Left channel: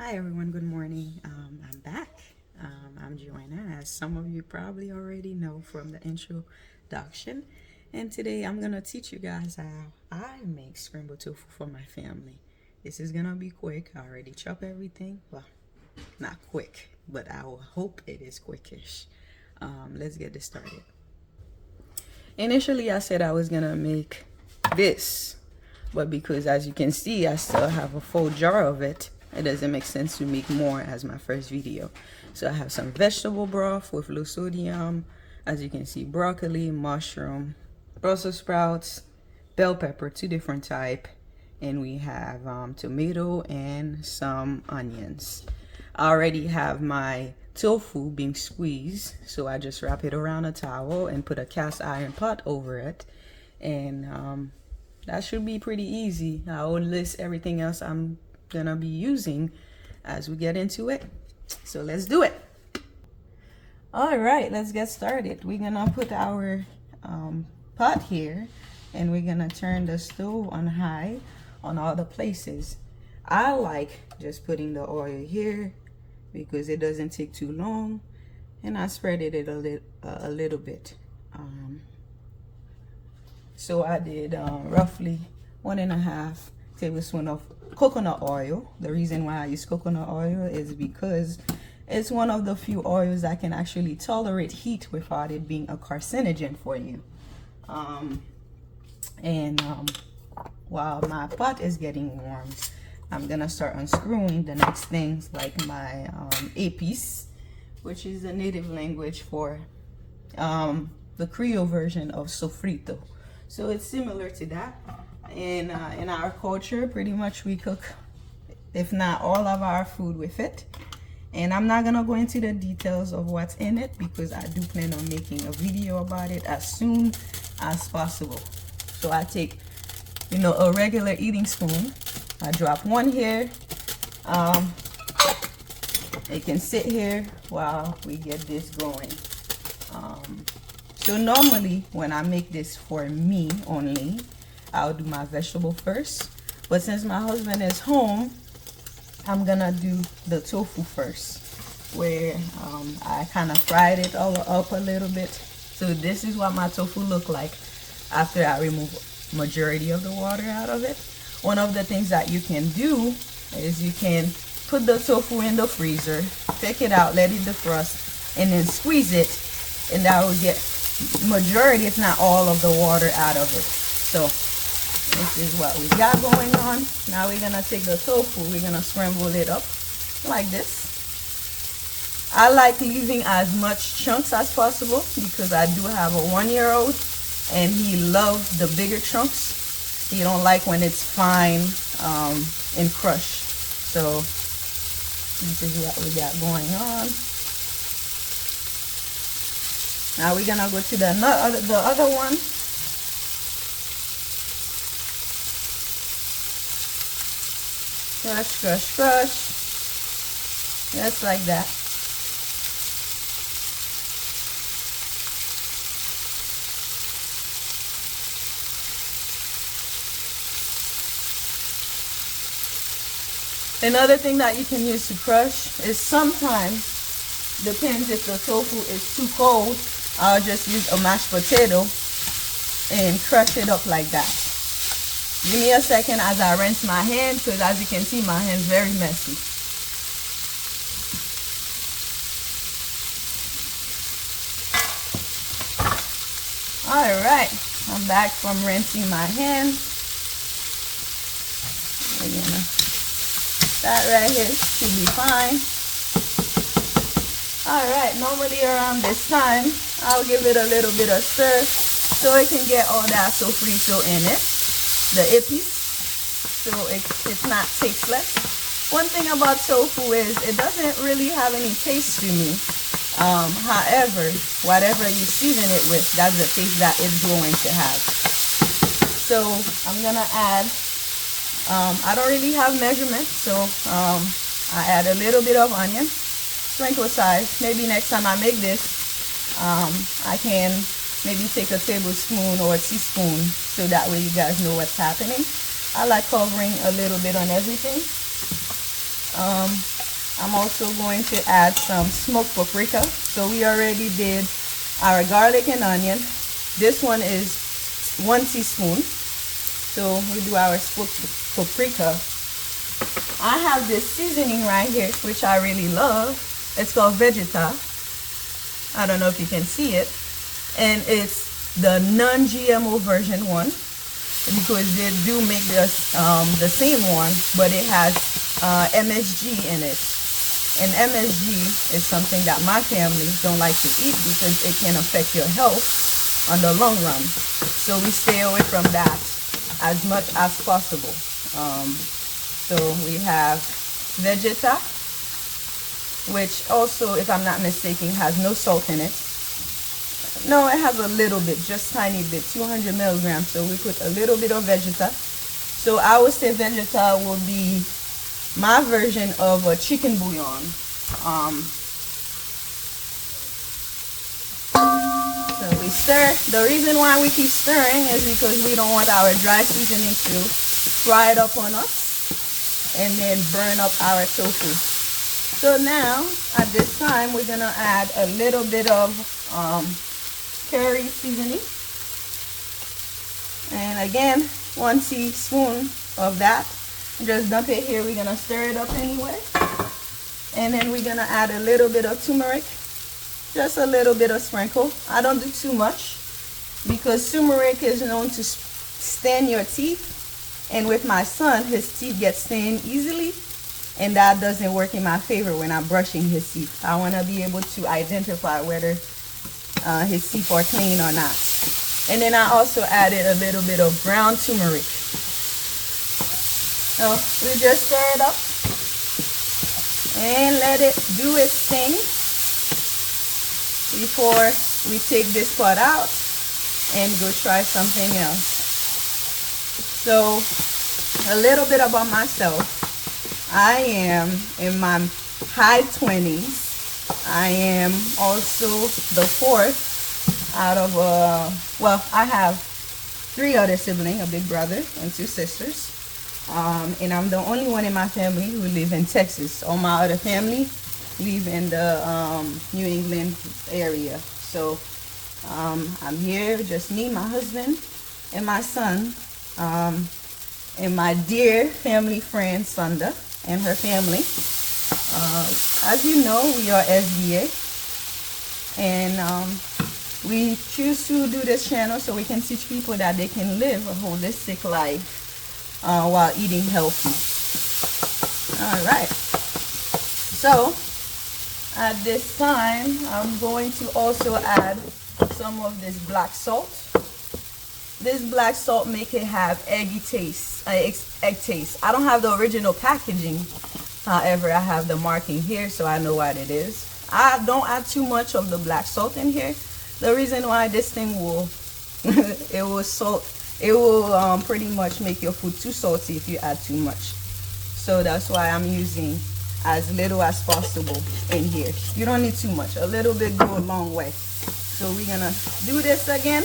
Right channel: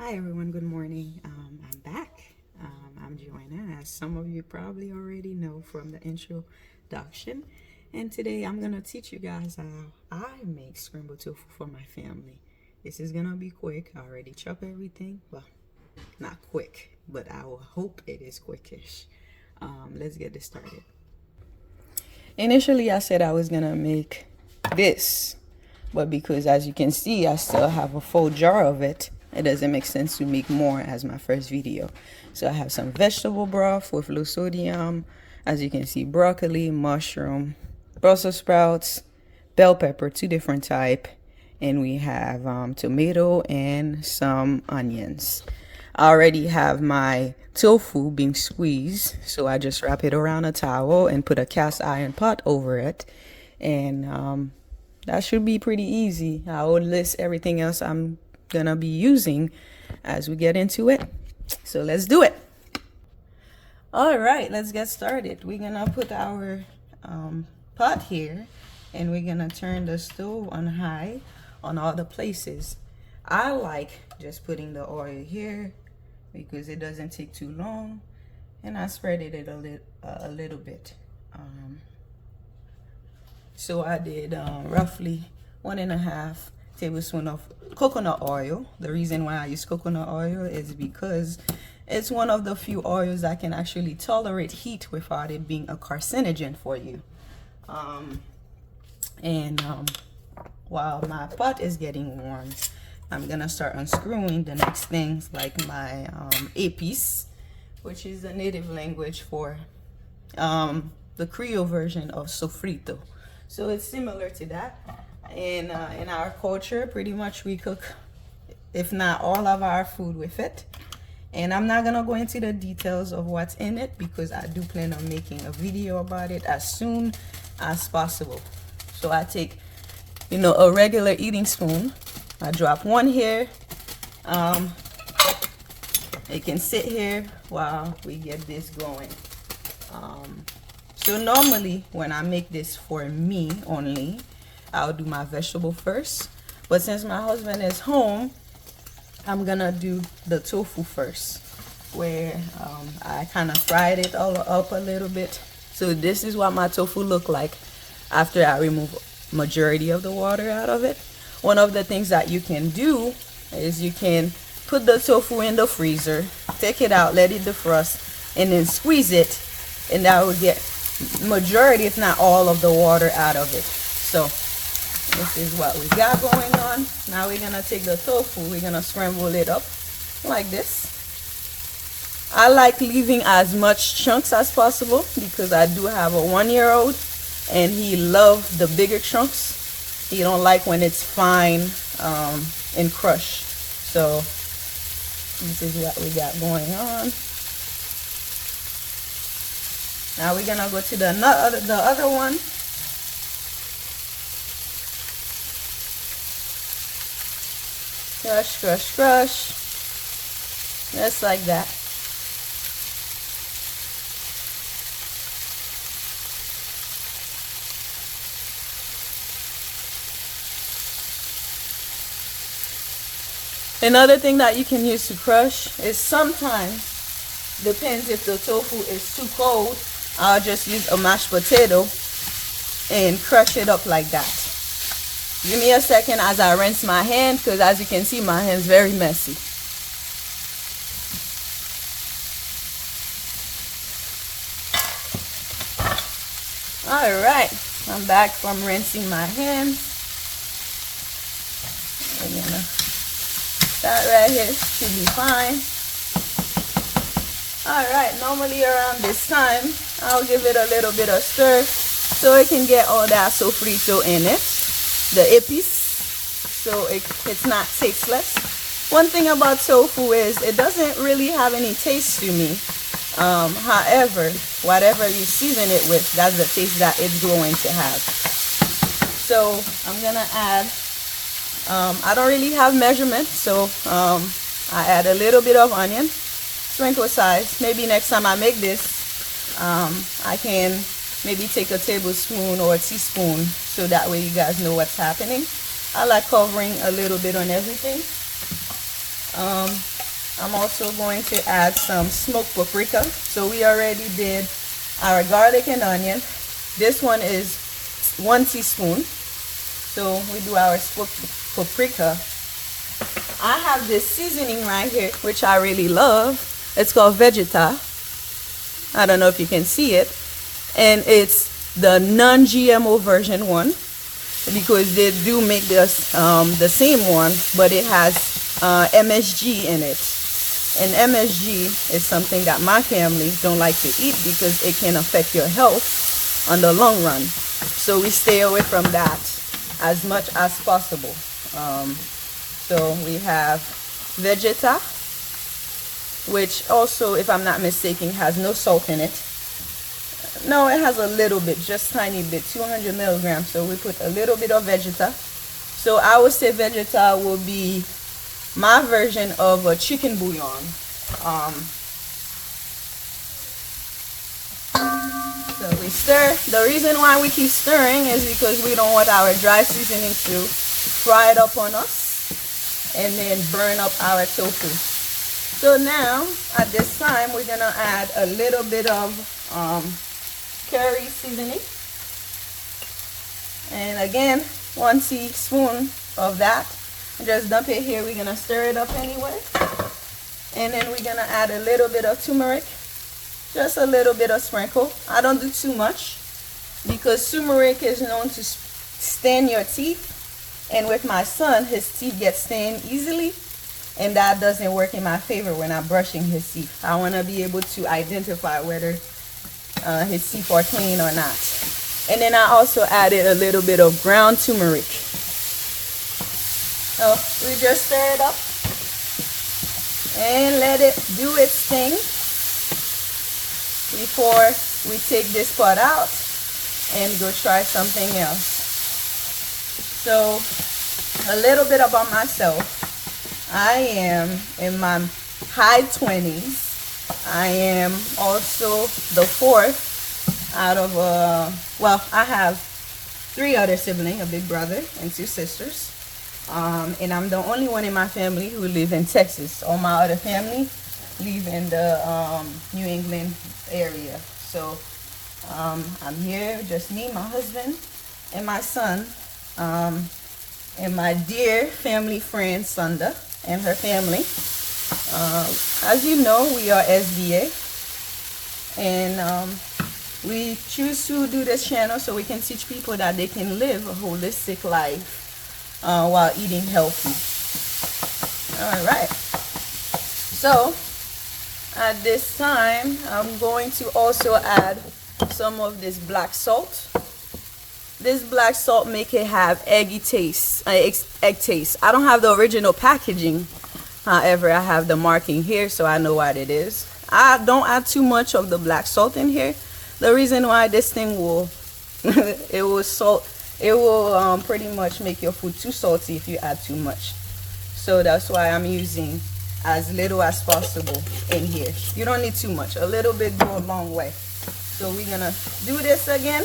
Hi everyone, good morning. I'm back. I'm Joanna, as some of you probably already know from the introduction. And today I'm gonna teach you guys how I make scrambled tofu for my family. This is gonna be quick. I already chop everything. Well, not quick, but I will hope it is quickish. Let's get this started. Initially, I said I was gonna make this, but because as you can see, I still have a full jar of it, it doesn't make sense to make more as my first video. So I have some vegetable broth with low sodium, as you can see, broccoli, mushroom, Brussels sprouts, bell pepper, two different type, and we have tomato and some onions. I already have my tofu being squeezed, so I just wrap it around a towel and put a cast iron pot over it, and that should be pretty easy. I will list everything else I'm gonna be using as we get into it, so let's do it. All right, let's get started. We're gonna put our pot here, and we're gonna turn the stove on high on all the places. I like just putting the oil here because it doesn't take too long, and I spread it a little bit. So I did roughly 1.5 tablespoons of coconut oil. The reason why I use coconut oil is because it's one of the few oils that can actually tolerate heat without it being a carcinogen for you. While my pot is getting warm, I'm gonna start unscrewing the next things, like my épices, which is the native language for the Creole version of sofrito. So it's similar to that. In our culture, pretty much we cook, if not all of our food with it. And I'm not gonna go into the details of what's in it because I do plan on making a video about it as soon as possible. So I take, a regular eating spoon. I drop one here. It can sit here while we get this going. So normally when I make this for me only, I'll do my vegetable first. But since my husband is home, I'm gonna do the tofu first, where I kind of fried it all up a little bit. So this is what my tofu look like after I remove majority of the water out of it. One of the things that you can do is you can put the tofu in the freezer, take it out, let it defrost, and then squeeze it, and that will get majority, if not all, of the water out of it. So this is what we got going on. Now we're gonna take the tofu, we're gonna scramble it up like this. I like leaving as much chunks as possible because I do have a 1-year-old and he loves the bigger chunks. He don't like when it's fine and crushed. So this is what we got going on. Now we're gonna go to the other one. Crush, crush, crush. Just like that. Another thing that you can use to crush is sometimes, depends if the tofu is too cold, I'll just use a mashed potato and crush it up like that. Give me a second as I rinse my hand, because as you can see, my hand's very messy. Alright, I'm back from rinsing my hand. That right here should be fine. Alright, normally around this time, I'll give it a little bit of stir so it can get all that sofrito in it, the épices, so it's not tasteless. One thing about tofu is it doesn't really have any taste to me. However, whatever you season it with, that's the taste that it's going to have. So I'm gonna add, I don't really have measurements, so I add a little bit of onion, sprinkle size. Maybe next time I make this, I can maybe take a tablespoon or a teaspoon, so that way you guys know what's happening. I like covering a little bit on everything. I'm also going to add some smoked paprika. So we already did our garlic and onion. This one is 1 teaspoon. So we do our smoked paprika. I have this seasoning right here, which I really love. It's called Vegeta. I don't know if you can see it. And it's the non-GMO version one, because they do make this the same one, but it has MSG in it. And MSG is something that my family don't like to eat because it can affect your health on the long run. So we stay away from that as much as possible. So we have Vegeta, which also, if I'm not mistaken, has no salt in it. No, it has a little bit, just tiny bit, 200 milligrams. So we put a little bit of Vegeta. So I would say Vegeta will be my version of a chicken bouillon. So we stir. The reason why we keep stirring is because we don't want our dry seasoning to fry it up on us and then burn up our tofu. So now, at this time, we're gonna add a little bit of curry seasoning. And again, 1 teaspoon of that. Just dump it here. We're gonna stir it up anyway. And then we're gonna add a little bit of turmeric. Just a little bit of sprinkle. I don't do too much because turmeric is known to stain your teeth. And with my son, his teeth get stained easily. And that doesn't work in my favor when I'm brushing his teeth. I wanna be able to identify whether his teeth are clean or not. And then I also added a little bit of ground turmeric. So we just stir it up and let it do its thing before we take this part out and go try something else. So a little bit about myself. I am in my high 20s. I am also the fourth out of well, I have 3 other siblings, a big brother and 2 sisters. And I'm the only one in my family who live in Texas. All my other family live in the New England area. So I'm here, just me, my husband, and my son, and my dear family friend Sunda and her family. As you know, we are SBA, and we choose to do this channel so we can teach people that they can live a holistic life while eating healthy. All right. So at this time, I'm going to also add some of this black salt. This black salt make it have eggy taste, egg taste. I don't have the original packaging. However, I have the marking here, so I know what it is. I don't add too much of the black salt in here. The reason why this thing will, it will pretty much make your food too salty if you add too much. So that's why I'm using as little as possible in here. You don't need too much. A little bit go a long way. So we're gonna do this again,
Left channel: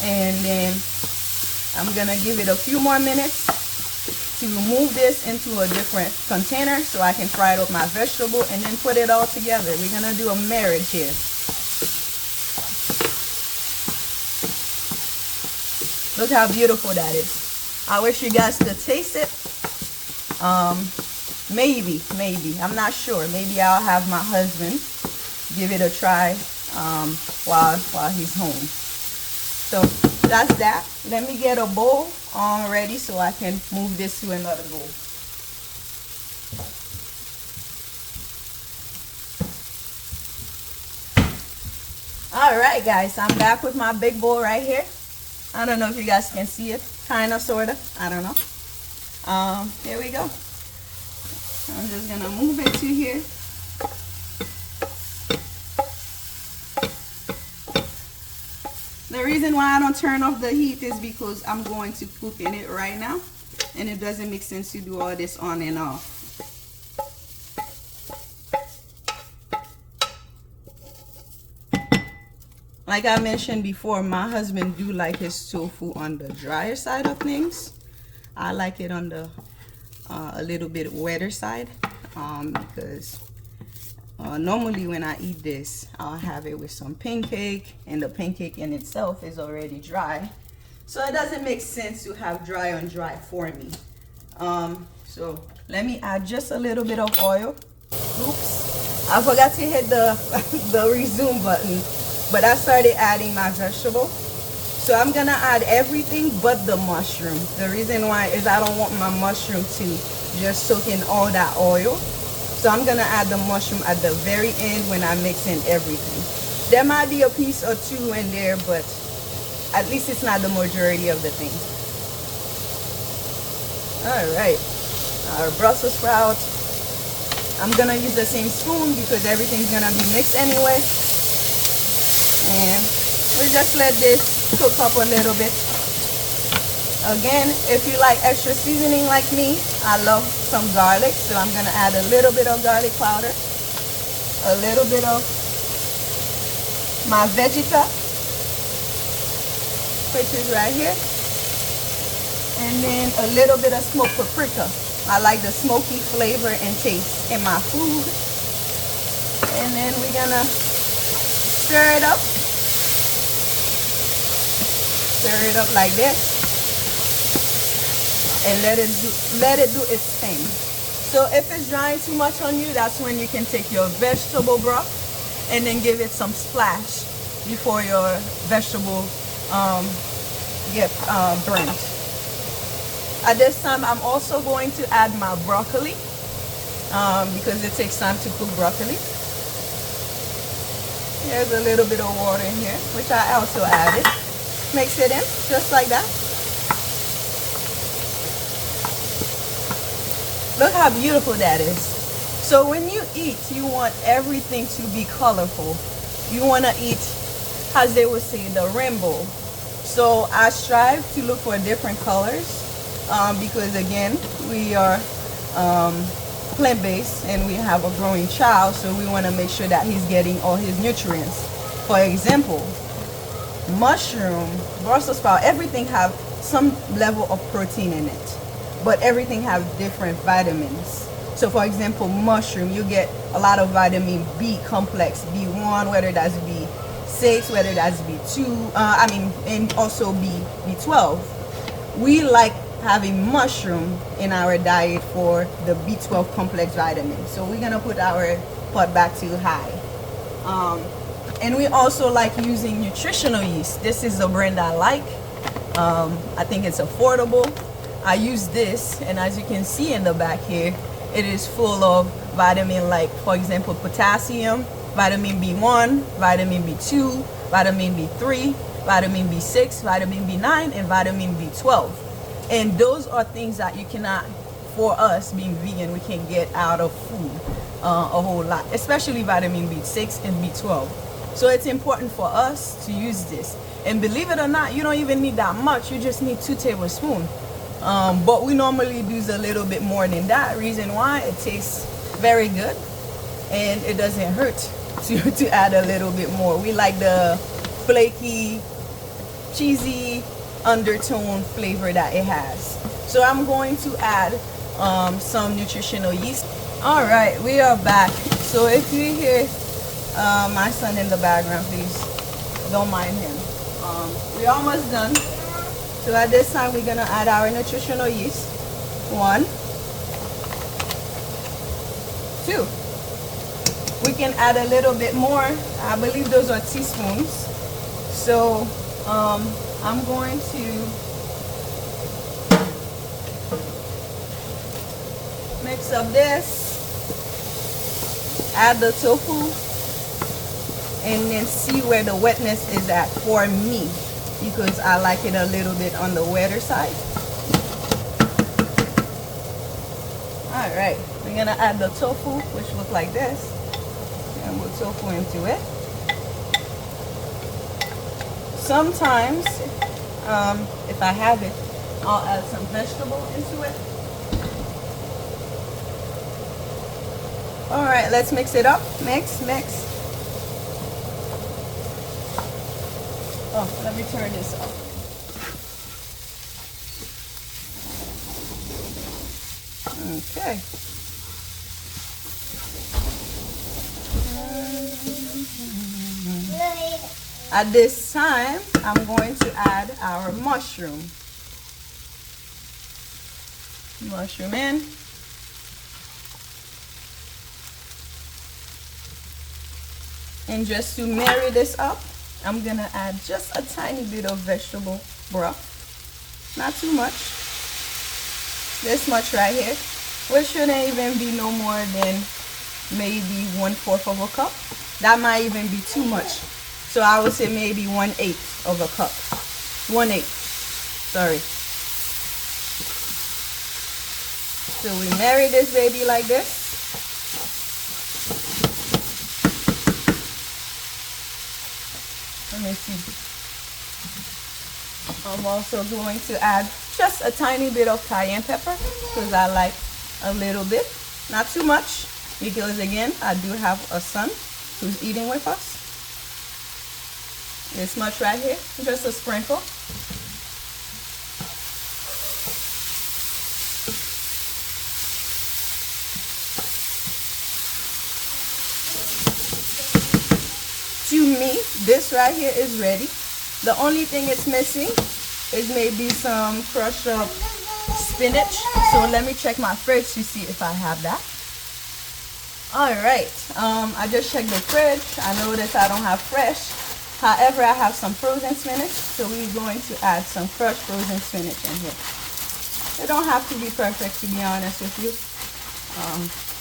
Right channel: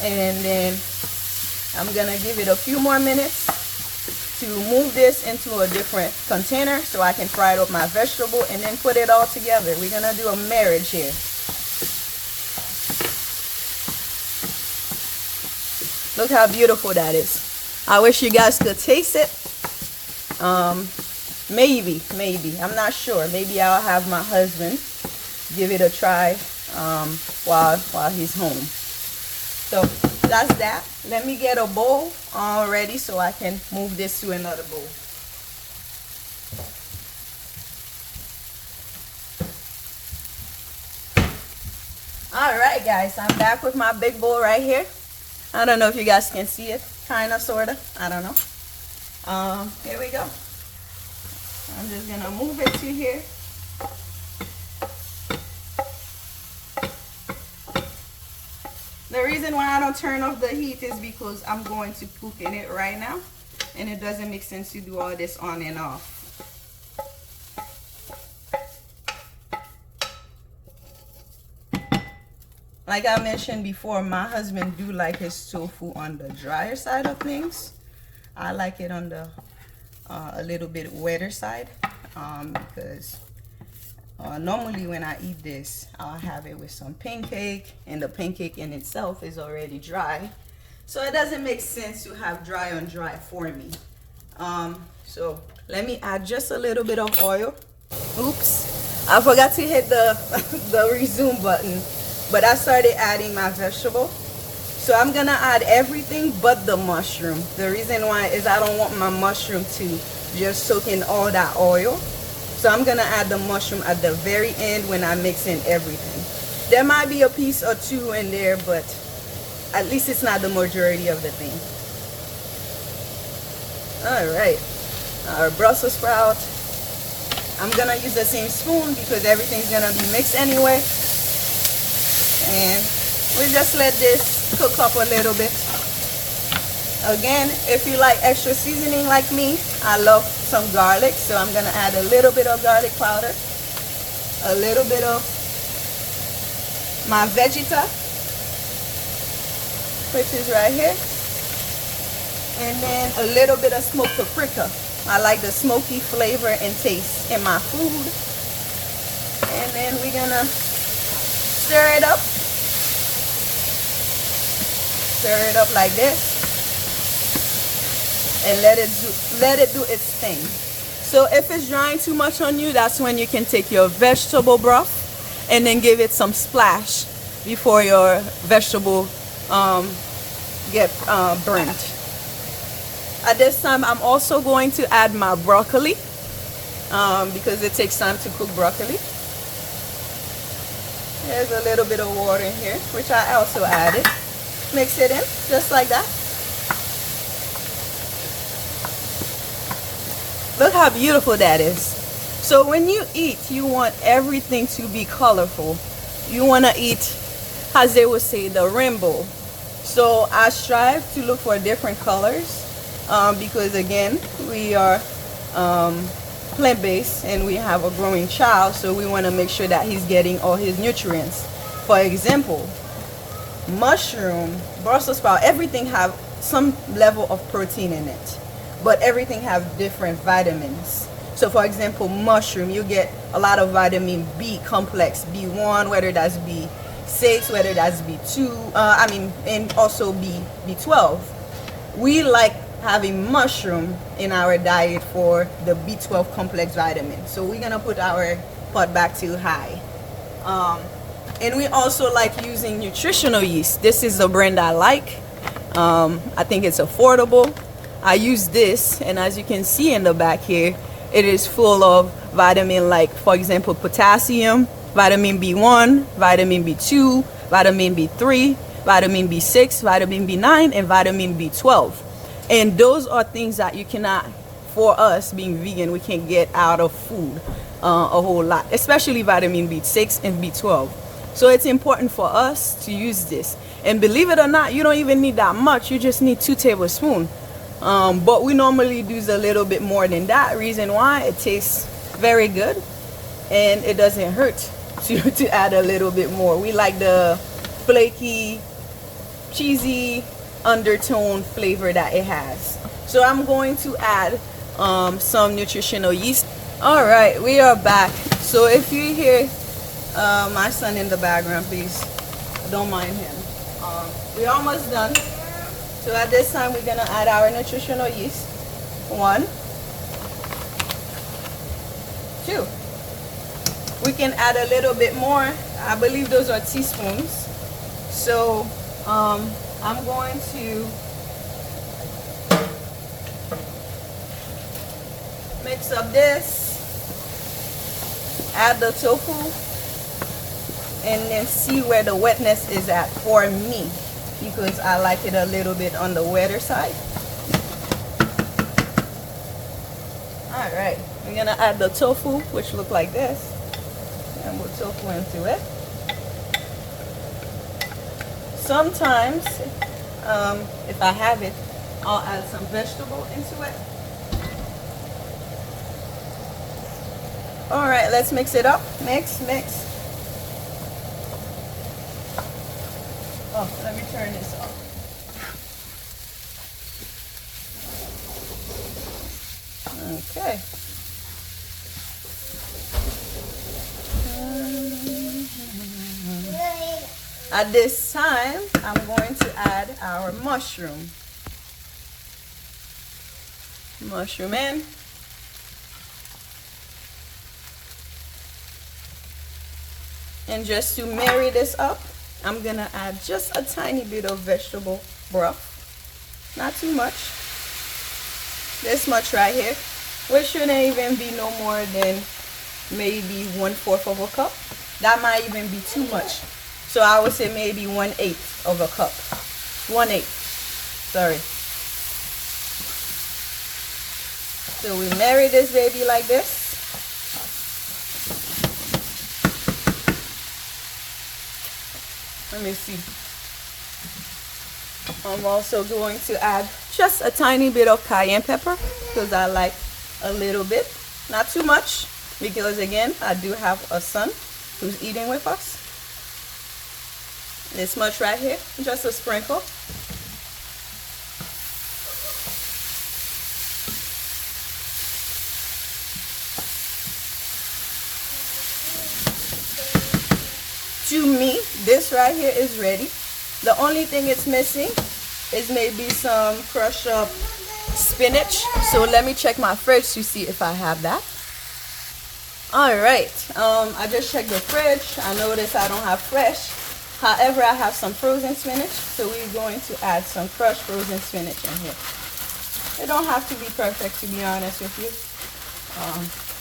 and then I'm gonna give it a few more minutes to move this into a different container so I can fry up my vegetable and then put it all together. We're gonna do a marriage here. Look how beautiful that is. I wish you guys could taste it. Maybe, I'm not sure. Maybe I'll have my husband give it a try while he's home. So that's that. Let me get a bowl ready so I can move this to another bowl. All right, guys, I'm back with my big bowl right here. I don't know if you guys can see it, kind of, sort of, I don't know. Here we go. I'm just gonna move it to here. The reason why I don't turn off the heat is because I'm going to cook in it right now, and it doesn't make sense to do all this on and off. Like I mentioned before, my husband do like his tofu on the drier side of things. I like it on the a little bit wetter side, because normally when I eat this, I'll have it with some pancake, and the pancake in itself is already dry. So it doesn't make sense to have dry on dry for me. So let me add just a little bit of oil. Oops, I forgot to hit the, the resume button, but I started adding my vegetable. So I'm gonna add everything but the mushroom. The reason why is I don't want my mushroom to just soak in all that oil. So I'm gonna add the mushroom at the very end when I'm mixing everything. There might be a piece or two in there, but at least it's not the majority of the thing. All right, our Brussels sprout. I'm gonna use the same spoon because everything's gonna be mixed anyway. And we just let this cook up a little bit. Again, if you like extra seasoning like me, I love some garlic, so I'm gonna add a little bit of garlic powder, a little bit of my Vegeta, which is right here, and then a little bit of smoked paprika. I like the smoky flavor and taste in my food. And then we're gonna stir it up. Stir it up like this. And let it do its thing. So if it's drying too much on you, that's when you can take your vegetable broth and then give it some splash before your vegetable get burnt. At this time, I'm also going to add my broccoli because it takes time to cook broccoli. There's a little bit of water in here, which I also added. Mix it in just like that. Look how beautiful that is. So when you eat, you want everything to be colorful. You want to eat, as they would say, the rainbow. So I strive to look for different colors because again, we are plant-based and we have a growing child, so we want to make sure that he's getting all his nutrients. For example, mushroom, Brussels sprout, everything have some level of protein in it, but everything have different vitamins. So for example, mushroom, you get a lot of vitamin B complex, B1, whether that's B6, whether that's B2, and also B12. We like having mushroom in our diet for the B12 complex vitamin. So we're gonna put our pot back to high. And we also like using nutritional yeast. This is the brand I like. I think it's affordable. I use this, and as you can see in the back here, it is full of vitamin, like for example, potassium, vitamin B1, vitamin B2, vitamin B3, vitamin B6, vitamin B9, and vitamin B12. And those are things that you cannot, for us being vegan, we can get out of food a whole lot, especially vitamin B6 and B12. So it's important for us to use this. And believe it or not, you don't even need that much. You just need 2 tablespoons. But we normally use a little bit more than that. Reason why, it tastes very good and it doesn't hurt to add a little bit more. We like the flaky, cheesy undertone flavor that it has. So I'm going to add some nutritional yeast. All right, we are back. So if you hear my son in the background, please don't mind him. We're almost done. So at this time, we're gonna add our nutritional yeast. 1, 2. We can add a little bit more. I believe those are teaspoons. So I'm going to mix up this, add the tofu, and then see where the wetness is at for me, because I like it a little bit on the wetter side. All right, we're gonna add the tofu, which look like this, and we'll tofu into it. Sometimes, if I have it, I'll add some vegetable into it. All right, let's mix it up. Mix. Oh, let me turn this off. Okay. At this time, I'm going to add our mushroom. Mushroom in. And just to marry this up, I'm gonna add just a tiny bit of vegetable broth. Not too much. This much right here, which shouldn't even be no more than maybe 1/4 of a cup. That might even be too much. So I would say maybe 1/8 of a cup. 1/8. Sorry. So we marry this baby like this. Let me see. I'm also going to add just a tiny bit of cayenne pepper because I like a little bit, not too much, because again, I do have a son who's eating with us. This much right here, just a sprinkle. To me, this right here is ready. The only thing it's missing is maybe some crushed up spinach. So let me check my fridge to see if I have that. All right, I just checked the fridge. I noticed I don't have fresh. However, I have some frozen spinach, so we're going to add some crushed frozen spinach in here. It don't have to be perfect, to be honest with you.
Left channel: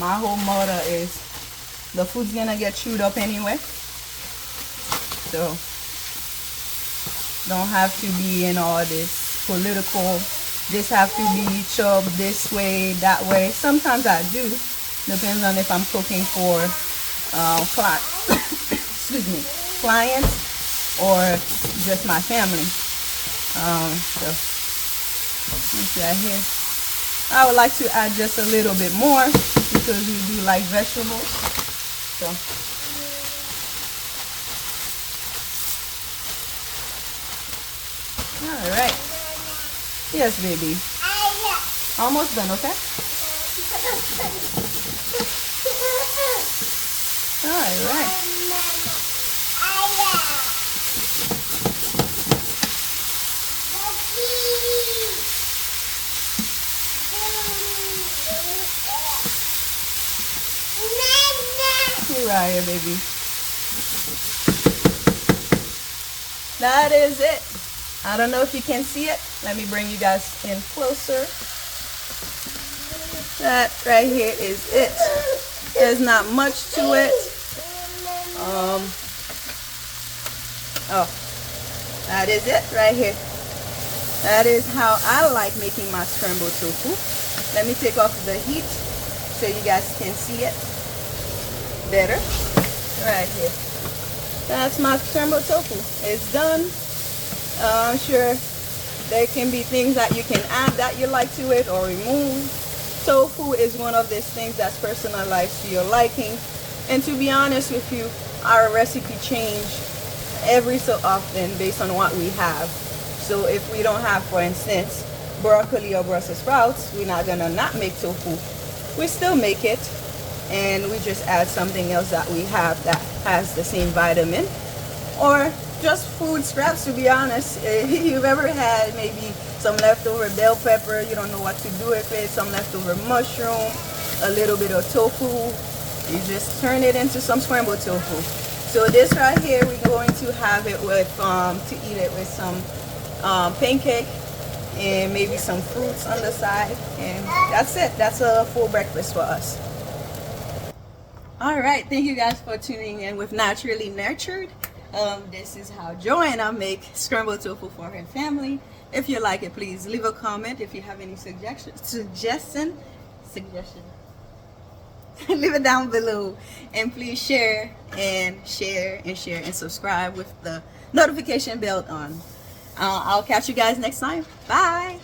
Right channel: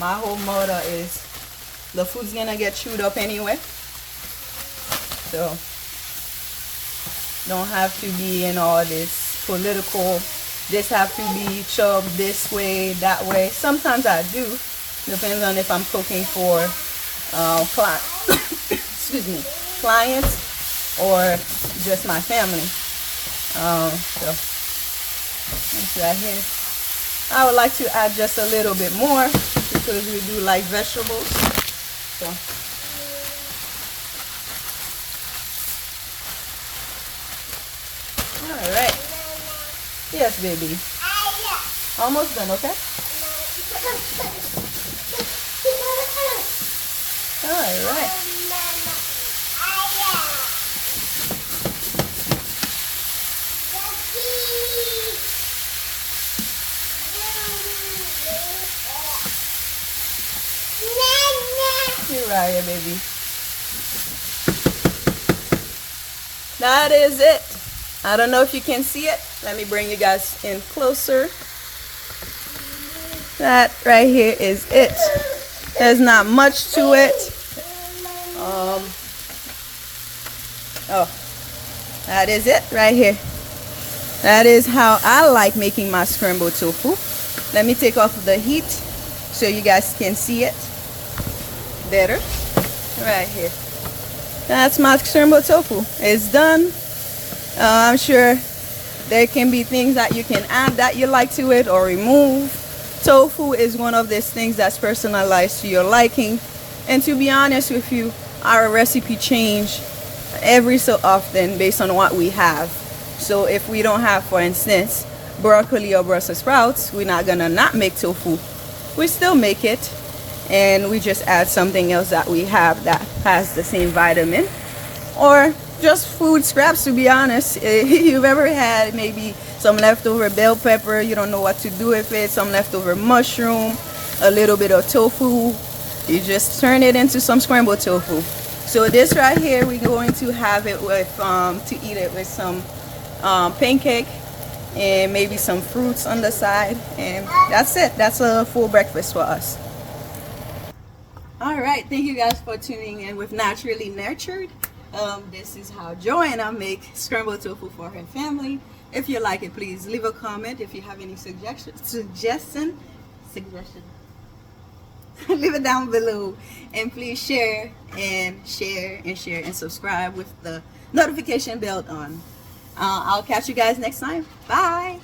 My whole motto is the food's gonna get chewed up anyway. So don't have to be in all this political, this have to be chopped this way, that way. Sometimes I do, depends on if I'm cooking for excuse me, clients or just my family. So this right here, I would like to add just a little bit more because we do like vegetables. So all right. Yes, baby. Almost done, okay? All right. Here I am, baby. That is it. I don't know if you can see it. Let me bring you guys in closer. That right here is it. There's not much to it. That is it right here. That is how I like making my scrambled tofu. Let me take off the heat so you guys can see it better. Right here. That's my scrambled tofu. It's done. I'm sure there can be things that you can add that you like to it or remove. Tofu is one of these things that's personalized to your liking. And to be honest with you, our recipe change every so often based on what we have. So if we don't have, for instance, broccoli or Brussels sprouts, we're not gonna not make tofu. We still make it, and we just add something else that we have that has the same vitamin, or just food scraps. To be honest, you've ever had maybe some leftover bell pepper, you don't know what to do with it, some leftover mushroom, a little bit of tofu, you just turn it into some scrambled tofu. So this right here, we're going to have it with to eat it with some pancake and maybe some fruits on the side, and that's it. That's a full breakfast for us. All right, thank you guys for tuning in with Naturally Nurtured. This is how Joanna make scrambled tofu for her family. If you like it, please leave a comment. If you have any suggestion leave it down below, and please share and subscribe with the notification bell on. I'll catch you guys next time. Bye.